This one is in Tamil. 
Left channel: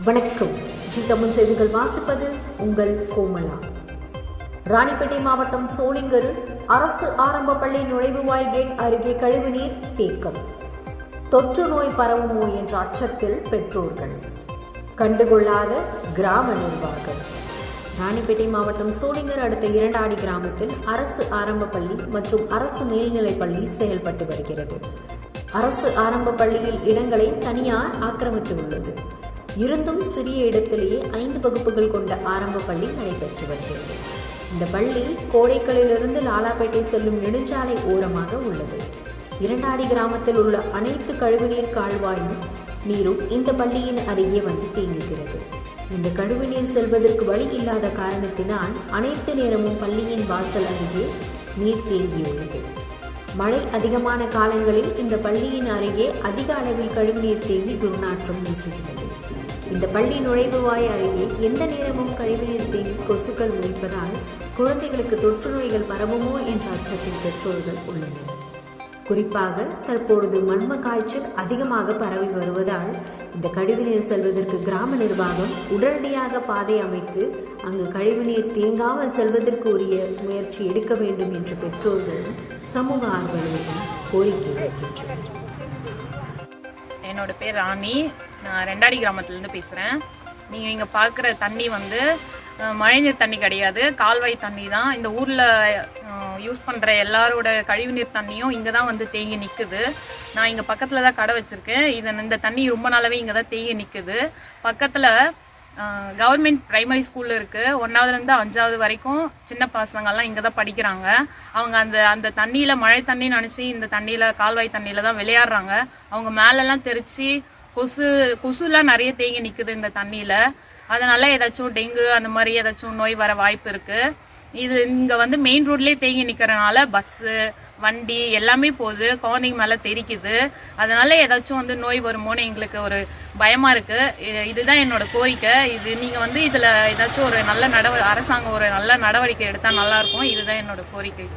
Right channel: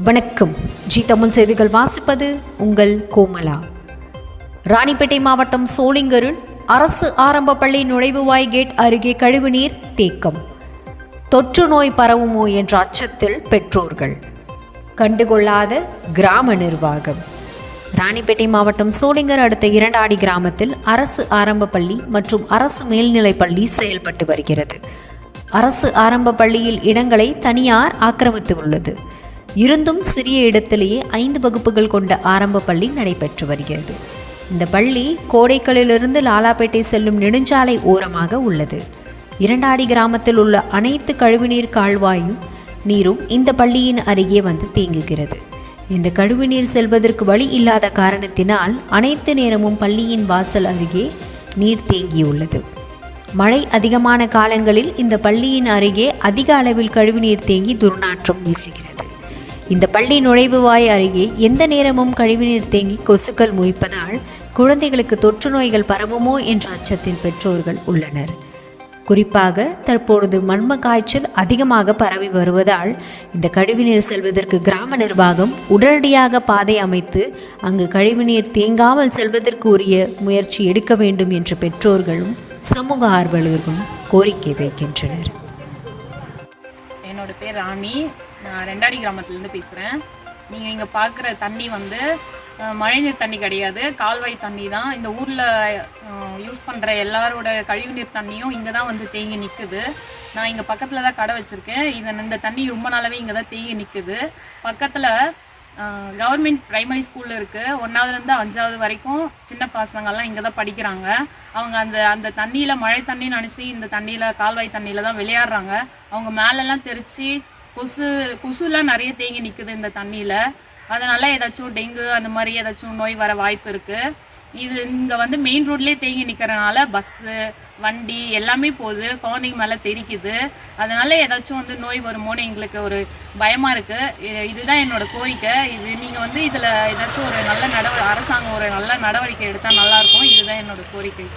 வணக்கம். ஜி தமிழ் செய்திகள் வாசிப்பது உங்கள் கோமலா. ராணிப்பேட்டை மாவட்டம் சோளிங்கரில் அரசு ஆரம்ப பள்ளி நுழைவுவாய் கேட் அருகே கழிவுநீர் தேக்கம். தொற்று நோய் பரவுமோ என்ற அச்சத்தில் பெற்றோர்கள், கண்டுகொள்ளாத கிராம நிர்வாகம். ராணிப்பேட்டை மாவட்டம் சோளிங்கர் அடுத்த இரண்டாடி கிராமத்தில் அரசு ஆரம்ப பள்ளி மற்றும் அரசு மேல்நிலைப் பள்ளி செயல்பட்டு வருகிறது. அரசு ஆரம்ப பள்ளியில் இடங்களை தனியார் ஆக்கிரமித்து உள்ளது. இருந்தும் சிறிய இடத்திலேயே 5 வகுப்புகள் கொண்ட ஆரம்ப பள்ளி நடைபெற்று வருகிறது. இந்த பள்ளி கோடைக்கலிலிருந்து லாலாப்பேட்டை செல்லும் நெடுஞ்சாலை ஓரமாக உள்ளது. இரண்டாடி கிராமத்தில் உள்ள அனைத்து கழிவுநீர் கால்வாயும் நீரும் இந்த பள்ளியின் அருகே வந்து தேங்குகிறது. இந்த கழிவுநீர் செல்வதற்கு வழி இல்லாத காரணத்தினால் அனைத்து நேரமும் பள்ளியின் வாசல் அருகே நீர் தேங்கியுள்ளது. மழை அதிகமான காலங்களில் இந்த பள்ளியின் அருகே அதிக அளவில் கழிவுநீர் தேங்கி துர்நாற்றம் வீசுகிறது. இந்த பள்ளி நுழைவுவாய் அருகே எந்த நேரமும் கழிவுநீர் தேங்கி கொசுக்கள் மொய்ப்பதால் குழந்தைகளுக்கு தொற்று நோய்கள் பரவுமோ என்ற அச்சத்தில் பெற்றோர்கள் உள்ளனர். குறிப்பாக தற்பொழுது மர்ம காய்ச்சல் அதிகமாக பரவி வருவதால் இந்த கழிவுநீர் செல்வதற்கு கிராம நிர்வாகம் உடனடியாக பாதை அமைத்து அங்கு கழிவுநீர் தேங்காமல் செல்வதற்கு உரிய முயற்சி எடுக்க வேண்டும் என்று பெற்றோர்களும் சமூக ஆர்வலர்களும் கோரிக்கை வைக்கின்றனர். என்னோட பேர் ராணி. நான் ரெண்டாடி கிராமத்துலேருந்து பேசுகிறேன். நீங்கள் இங்கே பார்க்குற தண்ணி மழைநீர் தண்ணி கிடையாது, கால்வாய் தண்ணி தான். இந்த ஊரில் யூஸ் பண்ணுற எல்லாரோட கழிவுநீர் தண்ணியும் இங்கே தான் தேங்கி நிற்குது. நான் இங்கே பக்கத்தில் தான் கடை வச்சுருக்கேன். இந்த தண்ணி ரொம்ப நாளாகவே இங்கே தான் தேங்கி நிற்குது. பக்கத்தில் கவர்மெண்ட் ப்ரைமரி ஸ்கூலில் இருக்குது. 1ஆவதுலேருந்து 5ஆவது வரைக்கும் சின்ன பசங்கள்லாம் இங்கே தான் படிக்கிறாங்க. அவங்க அந்த தண்ணியில் மழை தண்ணி நினச்சி இந்த தண்ணியில் கால்வாய் தண்ணியில் தான் விளையாடுறாங்க. அவங்க மேலெல்லாம் தெரித்து கொசுலாம் நிறைய தேங்கி நிற்குது இந்த தண்ணியில். அதனால ஏதாச்சும் டெங்கு அந்த மாதிரி ஏதாச்சும் நோய் வர வாய்ப்பு இருக்குது. இது இங்கே மெயின் ரோட்லேயே தேங்கி நிற்கிறனால பஸ்ஸு வண்டி எல்லாமே போகுது, குழந்தைங்க மேலே தெரிக்குது. அதனால ஏதாச்சும் நோய் வருமோன்னு எங்களுக்கு ஒரு பயமாக இருக்குது. இதுதான் என்னோட கோரிக்கை. நீங்கள் இதில் ஏதாச்சும் ஒரு நல்ல அரசாங்கம் ஒரு நல்ல நடவடிக்கை எடுத்தால் நல்லாயிருக்கும். இதுதான் என்னோட கோரிக்கை.